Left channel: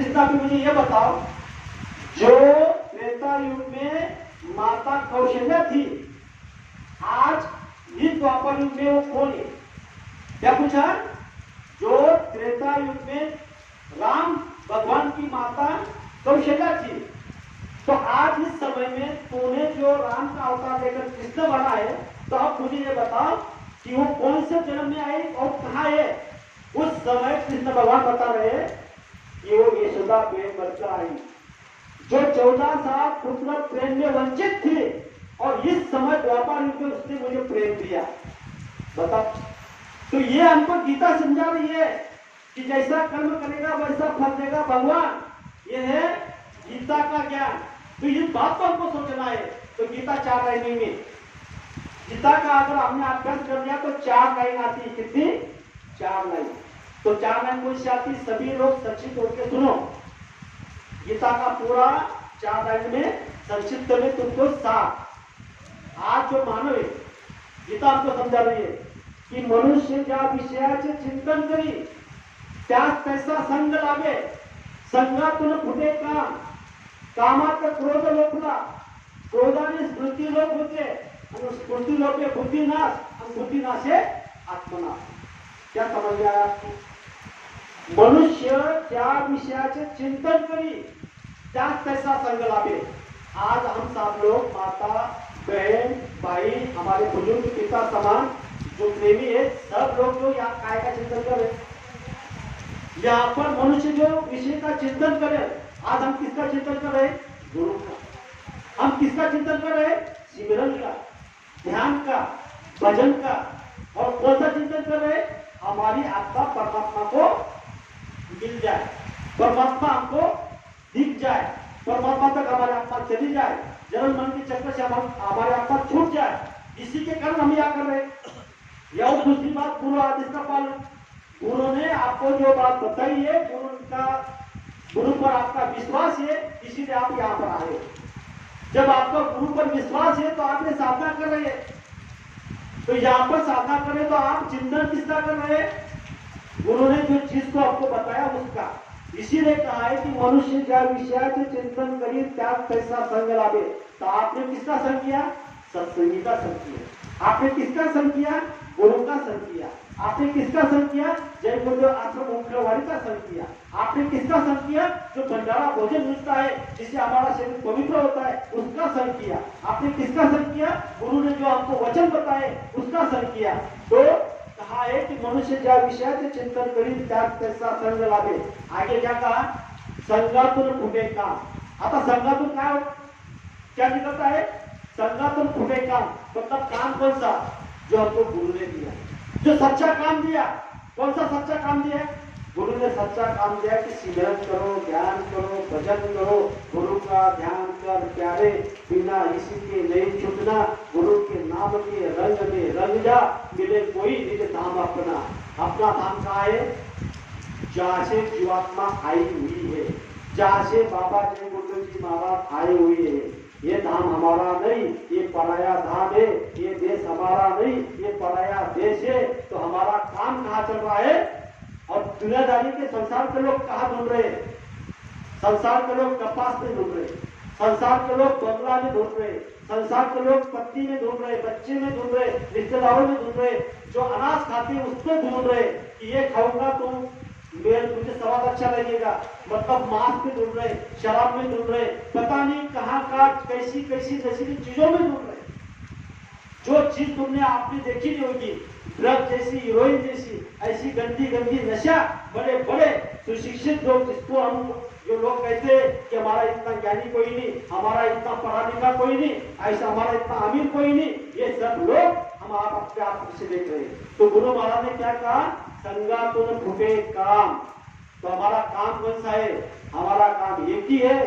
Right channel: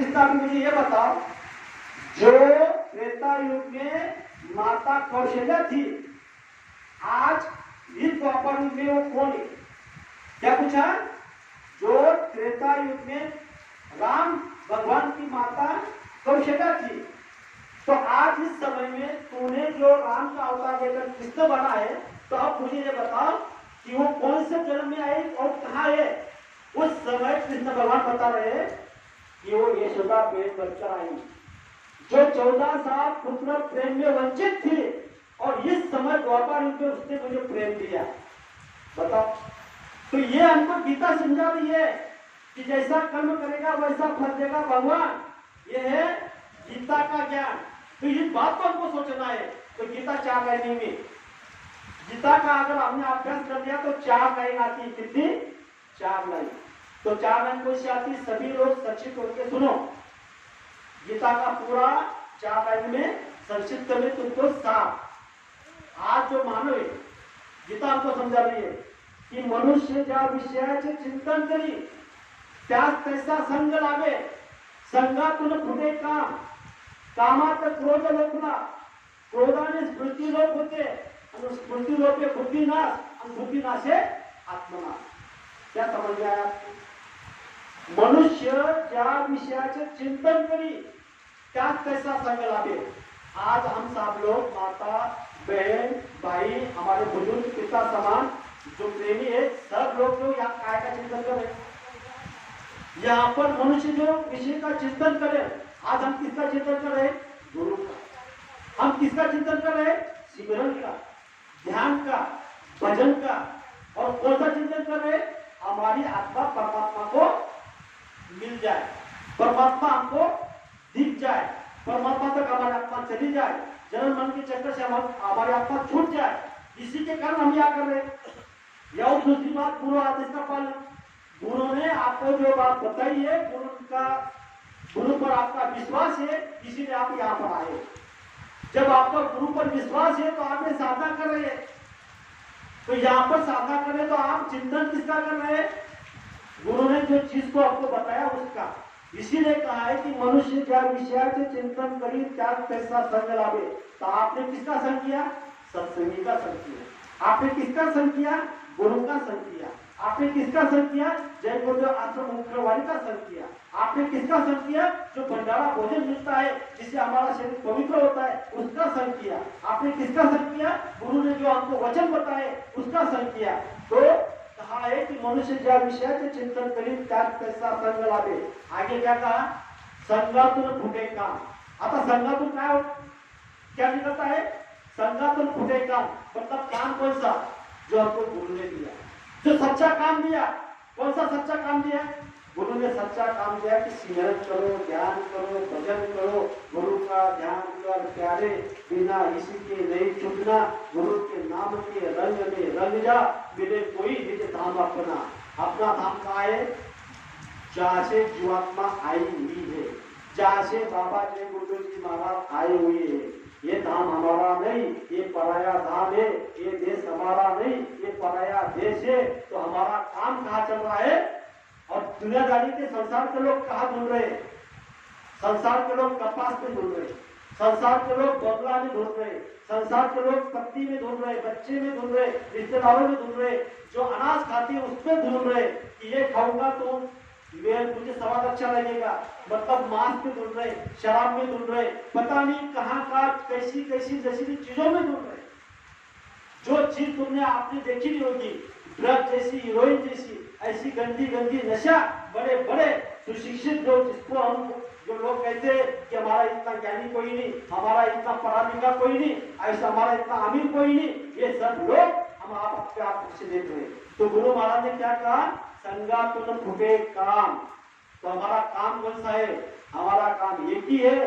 कृष्णा भी मुझे ये बताओ, जो त्रेता युग में माता कौशल्या थी, आज इस द्वापर युग में वो कौन है? क्या पूछा? जो त्रेता युग में राम भगवान की माता कौशल्या थी, तो आज इस समय में तूने जो राम का अवतार लेकर कृष्ण बना है, तो अब मुझे ये बताओ कि वो कौन से जन्म में आए और कहाँ है? उस समय कृष्ण भगवान बता रहे हैं कि वो यशोदा पे बच्चा आई, जो 14 साल पुत्र प्रेम में वंचित थी, और इस समय द्वापर युग में उसने मुझे प्रेम दिया। बता, तो ये हमको गीता समझा रही है कि जैसा कर्म करेगा वैसा फल देगा भगवान। ये है गीता का ज्ञान। तो इस बात को हमको सोचना है। तो गीता 4 लाइन में, गीता का अगर हमने अभ्यास कर लिया तो 4 लाइन आती है। कितनी? 4 लाइन। तो 4 लाइन कौन सी आती? सभी लोग संक्षिप्त होकर सुनो। गीता का पूरा 4 लाइन में संक्षिप्त में तुमको साफ। आज जो मानव है, गीता हमको समझा रही है की मनुष्य ज्या विषयाचे चिंतन करी त्यास तैसा संग लागे, संगातून फुटे काम, कामात क्रोध लोपला, क्रोधाने स्मृती लोप होते, आणि स्मृती लोपे बुद्धिनाश, आणि बुद्धिनाशे आत्मनाश। क्या समझ में आया? मनुष्य ज्या विषयाचे चिंतन करी त्यास तैसा संग लागे। आज हम सब लोग माता बहन भाई हमारे बुजुर्ग पिता समान जो प्रेमी है, सब लोग जो यहाँ काय का चिंतन कर रहे हैं, यहाँ पर मनुष्य जो विषय का चिंतन करे। आज हम किसका चिंतन कर रहे हैं? गुरु का। हम किसका चिंतन कर रहे हैं? सिमरन का, ध्यान का, भजन का। और कौन सा चिंतन कर रहे हैं? हमारी आत्मा परमात्मा को मिल जाए, परमात्मा हमको दिख जाए, परमात्मा तक हमारी आत्मा चली जाए, जन्म मन के चक्कर से हमारी आत्मा छूट जाए। इसी के कारण हम यहाँ कर रहे हैं। या और दूसरी बात, गुरु आदेश का पालन। गुरु ने आपको जो बात बताई है, गुरु पर आपका विश्वास है, इसीलिए आप यहाँ पर आए। जब आपका गुरु पर विश्वास है तो आप ये साधना कर रहे हैं। तो यहाँ पर साधना कर रहे तो आप चिंतन किसका कर रहे हैं? गुरु ने जो चीज को आपको बताया उसका। इसीलिए कहा है कि मनुष्य ज्या विषयाचे चिंतन करी त्याग तैसा संग लावे। तो आपने किसका संग किया? सत्संगी का संग किया। आपने किसका संग किया? गुरु का संग किया। आपने किसका संग किया? जय गुरुदेव आश्रम मुख्यवाणी का संग किया। आपने किसका संग किया? जो भंडारा भोजन मिलता है जिससे हमारा शरीर पवित्र होता है, उसका संग किया। आपने किसका संग किया? गुरु ने जो हमको वचन बताए उसका संग किया। तो कहा है कि मनुष्य ज्या विषयाचे चिंतन करी त्याग तैसा संग लावे। आगे क्या कहा? संगातून फुटे काम। आता संगातून क्या निकलता है? संगातून फुटे काम मतलब काम कौन सा? जो हमको गुरु ने दिया, जो सच्चा काम दिया। कौन सा सच्चा काम दिया? गुरु ने सच्चा काम दिया कि सिमरन करो, ध्यान करो, भजन करो, गुरु का ध्यान कर प्यारे, बिना इसी के नहीं छूटना, गुरु के नाम के रंग में रंग जा, मिले कोई निज धाम अपना। अपना धाम कहाँ है? जहाँ से जीवात्मा आई हुई है, जहाँ से बाबा जय गुरुदेव जी महाराज आए हुए हैं। ये धाम हमारा नहीं, ये पराया धाम है। ये देश हमारा नहीं, ये पराया देश है। तो हमारा काम कहाँ चल रहा है? और दुनियादारी के संसार के लोग कहाँ ढूंढ रहे हैं? संसार के लोग कपास में ढूंढ रहे, संसार के लोग बंगला में ढूंढ रहे, संसार के लोग पत्ती में ढूंढ रहे, बच्चे में ढूंढ रहे, रिश्तेदारों में ढूंढ रहे, जो अनाज खाते हैं उसमें ढूंढ रहे कि ये खाऊंगा तो मुझे स्वाद अच्छा लगेगा, मतलब मांस में ढूंढ रहे, शराब में ढूंढ रहे, पता नहीं कहाँ का कैसी कैसी नशीली चीजों में ढूंढ रहे। जो चीज तुमने आपने देखी नहीं होगी, ड्रग जैसी, हीरोइन जैसी, ऐसी गंदी गंदी नशा, बड़े बड़े सुशिक्षित लोग जिसको हम जो लोग कहते हैं कि हमारा इतना ज्ञानी कोई नहीं, हमारा इतना पढ़ा लिखा कोई नहीं, ऐसा हमारा इतना अमीर कोई नहीं, ये सब लोग हम आप से देख रहे हैं। तो गुरु महाराज ने क्या कहा? संगातुन फूटे काम। तो हमारा काम कौन सा है? हमारा काम एक ही है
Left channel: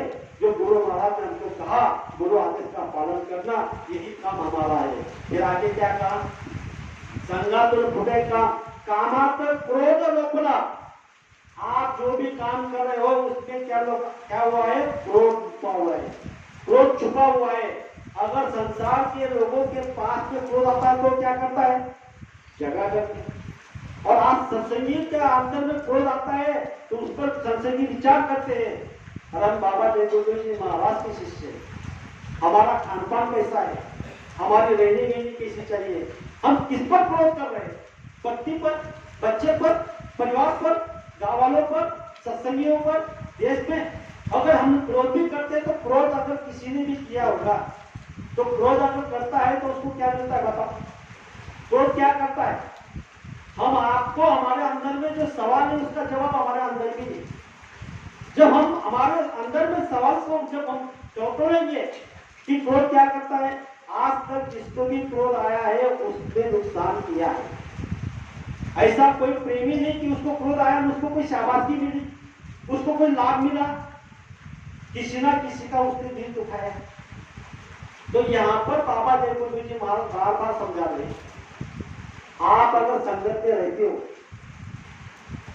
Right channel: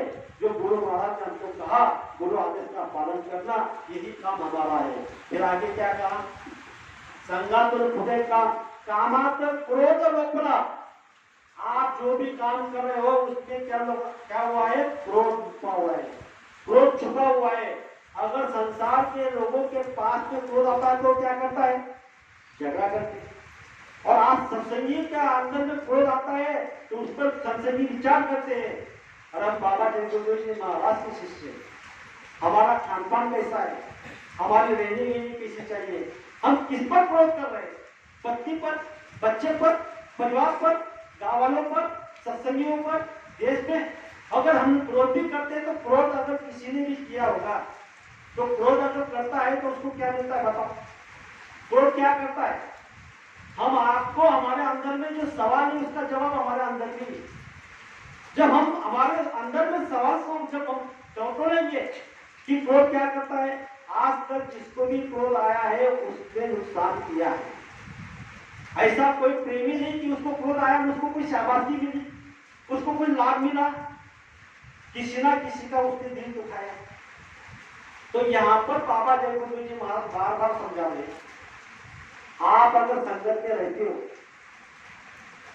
जो गुरु महाराज ने हमको कहा, गुरु आदेश का पालन करना, यही काम हमारा है। फिर आगे क्या कहा? संगातुन फूटे काम, कामात क्रोध लोपला। आप जो भी काम कर रहे हो उसमें क्या हुआ है? क्रोध छुपा हुआ है, क्रोध छुपा हुआ है। अगर संसार के लोगों के पास में क्रोध आता है तो क्या करता है? झगड़ा करते हैं। और आज सत्संगी के अंदर में क्रोध आता है तो उस पर सत्संगी विचार करते हैं। और हम बाबा जयगुरुदेव जी महाराज के शिष्य, हमारा खान पान कैसा है, हमारी रहनी गहनी कैसी चाहिए, हम किस पर क्रोध कर रहे हैं? पत्नी पर, बच्चे पर, परिवार पर, गाँव वालों पर, सत्संगियों पर, देश में। अगर हम क्रोध भी करते हैं तो क्रोध अगर किसी ने भी किया होगा तो क्रोध अगर करता है तो उसको क्या मिलता है बाबा? क्रोध क्या करता है? हम आपको हमारे अंदर में जो सवाल है उसका जवाब हमारे अंदर में नहीं। जब हम हमारे अंदर में सवाल को जब हम टटोलेंगे कि क्रोध क्या करता है, आज तक जिसको भी क्रोध आया है उसने नुकसान किया है। ऐसा कोई प्रेमी नहीं कि उसको क्रोध आया उसको कोई शाबाशी मिली, उसको कोई लाभ मिला, किसी ना किसी का उसने दिल दुखाया। तो यहाँ पर बाबा जयगुरुदेव जी महाराज बार बार समझा रहे हैं, आप अगर संगत में रहते हो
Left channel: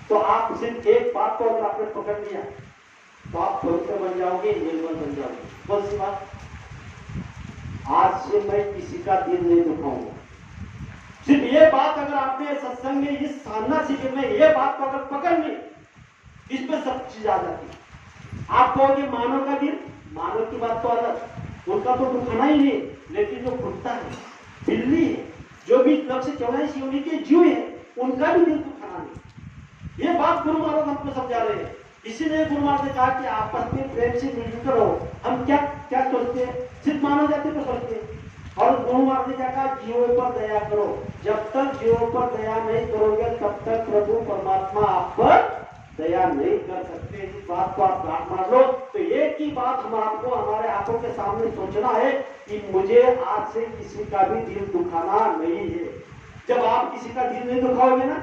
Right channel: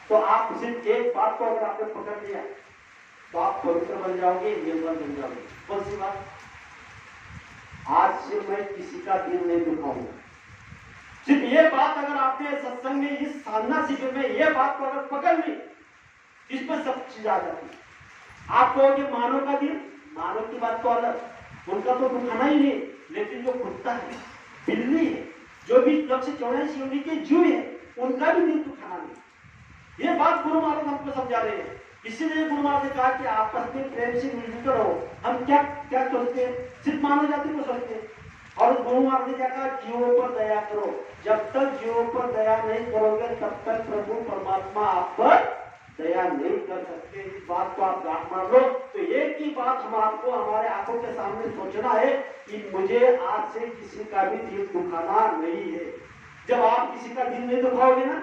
तो आप सिर्फ एक बात को अगर आपने पकड़ लिया तो आप पवित्र बन जाओगे, निर्मल बन जाओगे। कौन सी बात? आज से मैं किसी का दिल नहीं दुखाऊंगा। सिर्फ ये बात अगर आपने सत्संग में, इस साधना शिविर में ये बात को अगर पकड़ ली, इसमें सब चीज आ जाती है। आप कहोगे मानव का दिल, मानव की बात तो अलग, उनका तो दुखाना ही नहीं, लेकिन जो कुत्ता है, बिल्ली है, जो भी 184 योनि के जीव है, उनका भी दिल दुखाना नहीं। ये बात गुरु महाराज हमको समझा रहे हैं। इसीलिए गुरु महाराज ने कहा कि आपस में प्रेम से मिलकर रहो। हम क्या क्या सोचते हैं? सिर्फ मानव जाति को सोचते हैं। और गुरु महाराज ने क्या कहा? जीवों पर दया करो। जब तक जीवों पर दया नहीं करोगे तब तक प्रभु परमात्मा आप पर दया नहीं कर सकते। इस बात को आप गांठ मार लो। तो एक ही बात हम आपको हमारे आंखों के सामने सोचना है कि मुझे आज से किसी का भी दिल दुखाना नहीं है। जब आप किसी का दिल नहीं दुखाओगे ना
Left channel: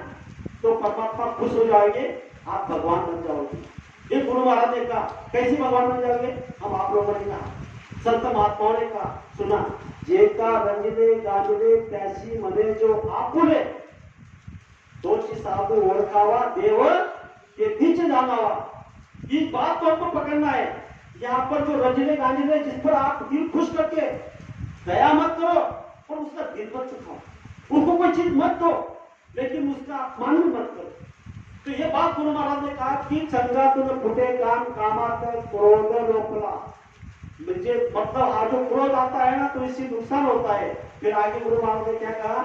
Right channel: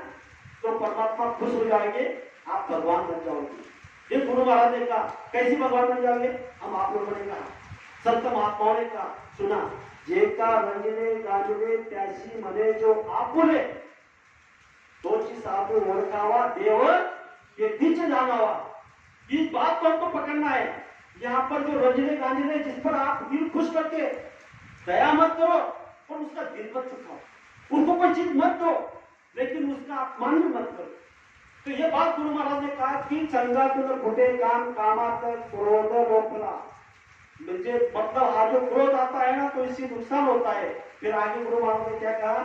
तो परमात्मा खुश हो जाएंगे, आप भगवान बन जाओगे। ये गुरु महाराज ने कहा। कैसे भगवान बन जाओगे? हम आप लोगों ने कहा, संत महात्माओं ने कहा, सुना, जेका रंजने गाजवे त्यासी मने जो आपुले तोची साधु ओळखावा देव ये बीच जानावा। इस बात को हमको पकड़ना है। यहाँ पर जो रंजने गांजने जिस पर आप दिल खुश करके दया मत करो और उसका दिल मत चुकाओ, उसको कोई चीज मत दो लेकिन उसका अपमान भी मत करो। तो ये बात गुरु महाराज ने कहा कि संगातून फुटे काम कामात क्रोध रोकला। मुझे मतलब आज जो क्रोध आता है ना तो इससे नुकसान होता है। फिर आगे गुरु महाराज ने क्या कहा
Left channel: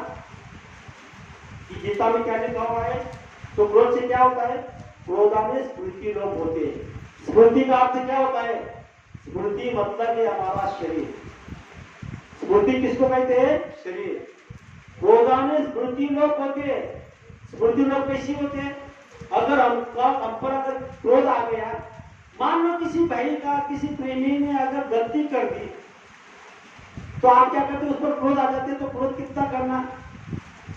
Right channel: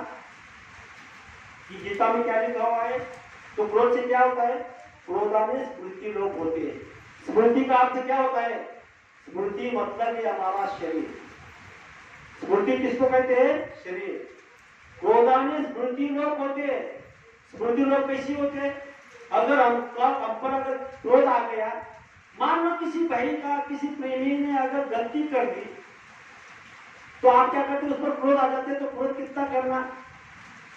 कि गीता में क्या लिखा हुआ है? तो क्रोध से क्या होता है? क्रोधाने स्मृति लोप होते हैं। स्मृति का अर्थ क्या होता है? स्मृति मतलब ये हमारा शरीर। स्मृति किसको कहते हैं? शरीर। क्रोधाने स्मृति लोप होते हैं। स्मृति लोप कैसी होते हैं? अगर हम पर अगर क्रोध आ गया, मान लो किसी भाई का, किसी प्रेमी ने अगर गलती कर दी तो आप क्या करते? उस पर क्रोध आ जाते। तो क्रोध कितना करना,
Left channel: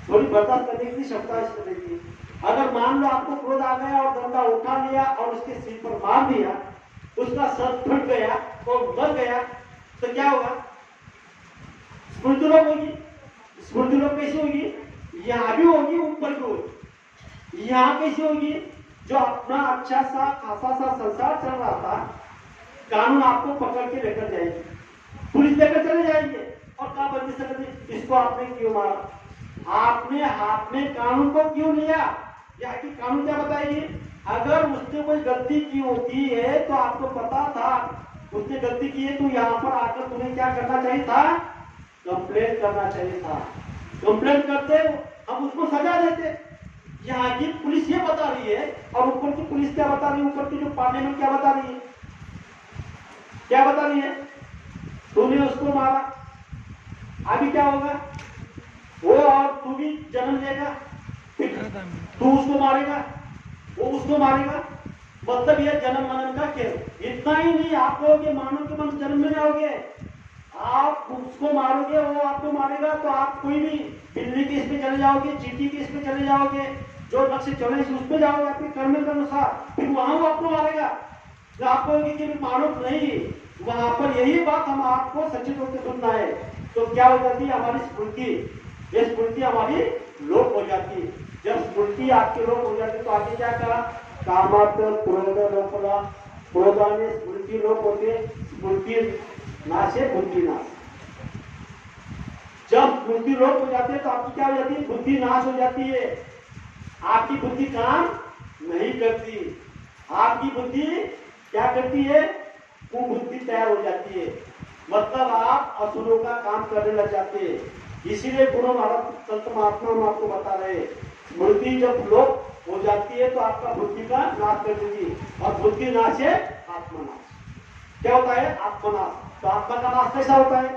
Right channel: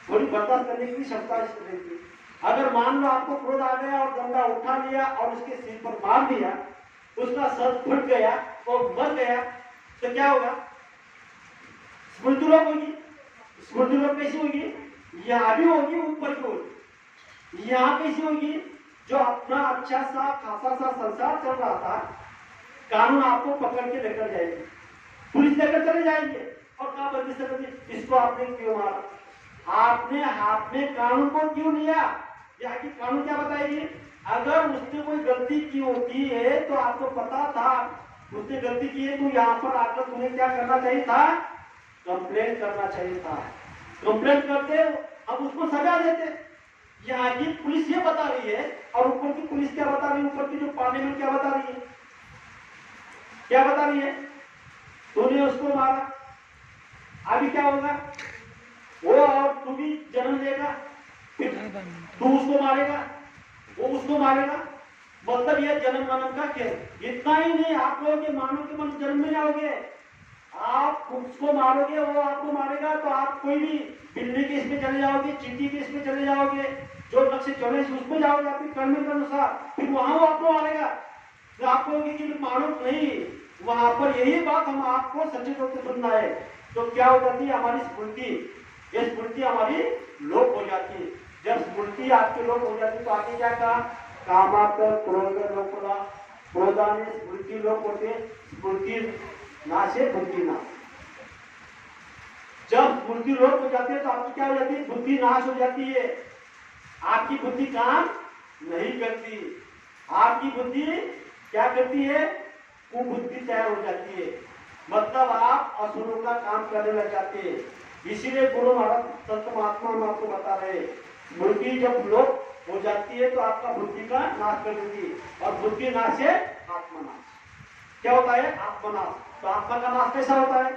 थोड़ी बर्दाश्त करने की क्षमता इसको रहती है। अगर मान लो आपको क्रोध आ गया और डंडा उठा लिया और उसके सिर पर मार दिया, उसका सर फट गया और मर गया तो क्या होगा? स्मृति लोप होगी। स्मृति लोप कैसी होगी? यहाँ भी होगी, ऊपर भी होगी। यहाँ कैसी होगी? जो अपना अच्छा सा खासा सा संसार चल रहा था, कानून आपको पकड़ के लेकर जाएगी, पुलिस लेकर चले जाएंगे और कहा बंदी से इसको आपने क्यों मारा, आपने हाथ में कानून को क्यों लिया? यहाँ की कानून क्या बताएगी? अगर उसने कोई गलती की होती है तो आपको पता था उसने गलती की है, तो यहाँ पर आकर तुम्हें क्या करना चाहिए था? कंप्लेंट करना चाहिए था। कंप्लेंट करते हम उसको सजा देते। यहाँ की पुलिस ये बता रही है और ऊपर की पुलिस क्या बता रही है? ऊपर की जो पार्लियामेंट क्या बता रही है? क्या बता रही है? तूने उसको मारा, अभी क्या होगा? वो और तू भी जन्म लेगा, तू उसको मारेगा, वो उसको मारेगा। मतलब ये जन्म मरण का खेल। इतना ही नहीं, आप लोग मानव के मन जन्म में आओगे, आप उसको मारोगे, वो आपको मारेगा, तो आप कोई भी बिल्ली के इसमें चले जाओगे, चींटी के इसमें चले जाओगे, जो लक्ष्य चले उसमें जाओगे आपके कर्म के अनुसार, फिर वहां वो आपको मारेगा। तो आपको कि मानव नहीं, वहां पर यही बात हम आपको सचिव रूप से सुनना है। तो क्या हो जाती है? हमारी स्मृति, ये स्मृति हमारी लोप हो जाती है। जब स्मृति आपकी लोप हो जाती है तो आगे क्या कहा? कामात क्रोध लोपला, क्रोधाने स्मृति लोप होती है, स्मृति नाशे बुद्धि नाश। जब बुद्धि लोप हो जाती है तो आपकी क्या हो जाती है? बुद्धि नाश हो जाती है। आपकी बुद्धि काम नहीं करती। आपकी बुद्धि क्या करती है? कुबुद्धि तैयार हो जाती है, मतलब आप असुरों का काम करने लग जाते हैं। इसीलिए गुरु महाराज संत महात्मा हम आपको बता रहे हैं, बुद्धि जब लोप हो जाती है तो आपका बुद्धि का नाश कर देगी, और बुद्धि नाश है आत्मनाश। क्या होता है? आत्मनाश। तो आत्मा का नाश कैसा होता है?